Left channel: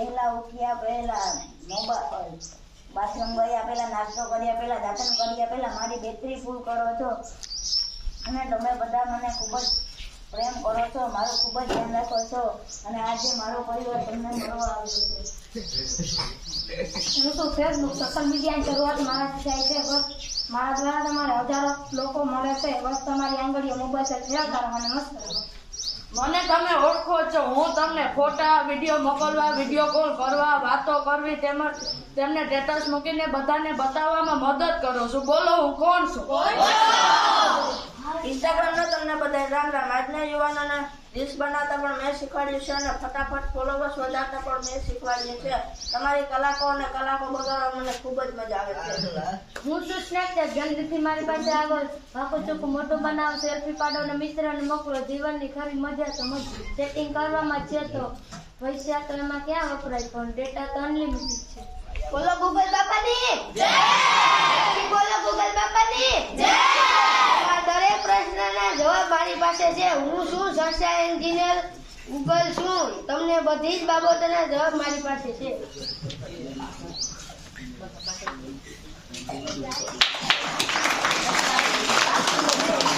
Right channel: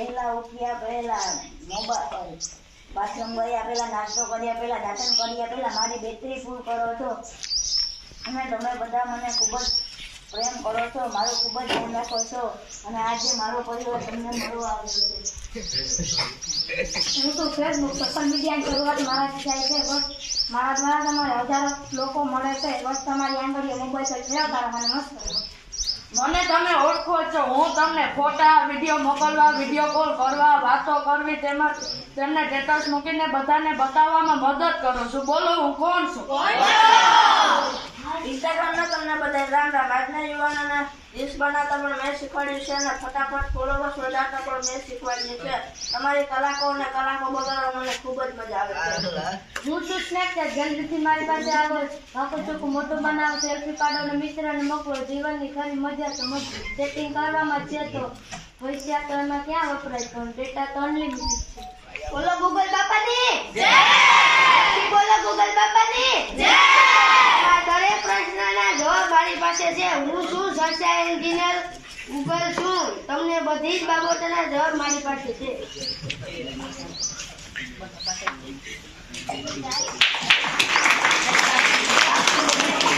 વહેલા ઉઠ્યા પહેલા મોબાઈલ બાથરૂમ ગયા પહેલા નાસ્તો કર્યા પહેલા દાંતણ કર્યા પહેલા મારી બેટરી ફૂલ કરો છો અને તમે બધા મને ખૂબ જ પ્રેમ કરો છો, મારું ખૂબ જ ધ્યાન રાખો છો અને આજે મારો પરિવાર તમને મળવા આવ્યો છે. હું તો ફેસબુક સોશિયલ મીડિયાની શરૂઆત મારાથી થાય છે, બસ મારા દ્વારા તમારે હજારો લોકો મળે છે, બસ તમારી આંગળીએ મોબાઈલ ખેલાતા મને મસ્ત મને તમે ઓળખો છો, હું તમને ફોટા વિડીયો મોકલવા, વિડીયો કોલ કરવા, વાતો કરવી તેમજ તેમને સ્ટેટસ મૂકીને બધાને બતાવવામાં મદદ કરું છું. બોલો હું કોણ છું? ઇન્સ્ટાગ્રામનો તમને બધા રામ રામ. આજના યુવાનોને રીલ્સ બનાવતા પણ મેં શીખવાડ્યું છે અને ફટાફટ ફોલોવર્સ વધારતા પણ મેં શીખવાડ્યું છે. તમારી કલાકો અને કલાકો બગાડવા મને ખૂબ જ મજા આવે છે. હું છું સ્નેકર. જલ્દીથી મારી પાસે આવો, વાકો ચોખ્ખો મોટો બનાવો, સેલ્ફી પાડો અને મિત્રને મોકલો. જીવનની ખરી મજા તો સેટિંગ કરવામાં છે, તો પૈસા તો એમાં ક્યાં વપરાય, પણ ડેટા તો અનલિમિટેડ છે. બોલો ગૂગલ બાપાની જય, બોલો ગૂગલ બાપાની જય. દરેક પ્રશ્નના જવાબ મારી પાસે છે. હું છું સોફ્ટવેર એન્જિનિયર ગૂગલ છું. તમને બધી જ બાબતોના જવાબ મારી પાસે છે.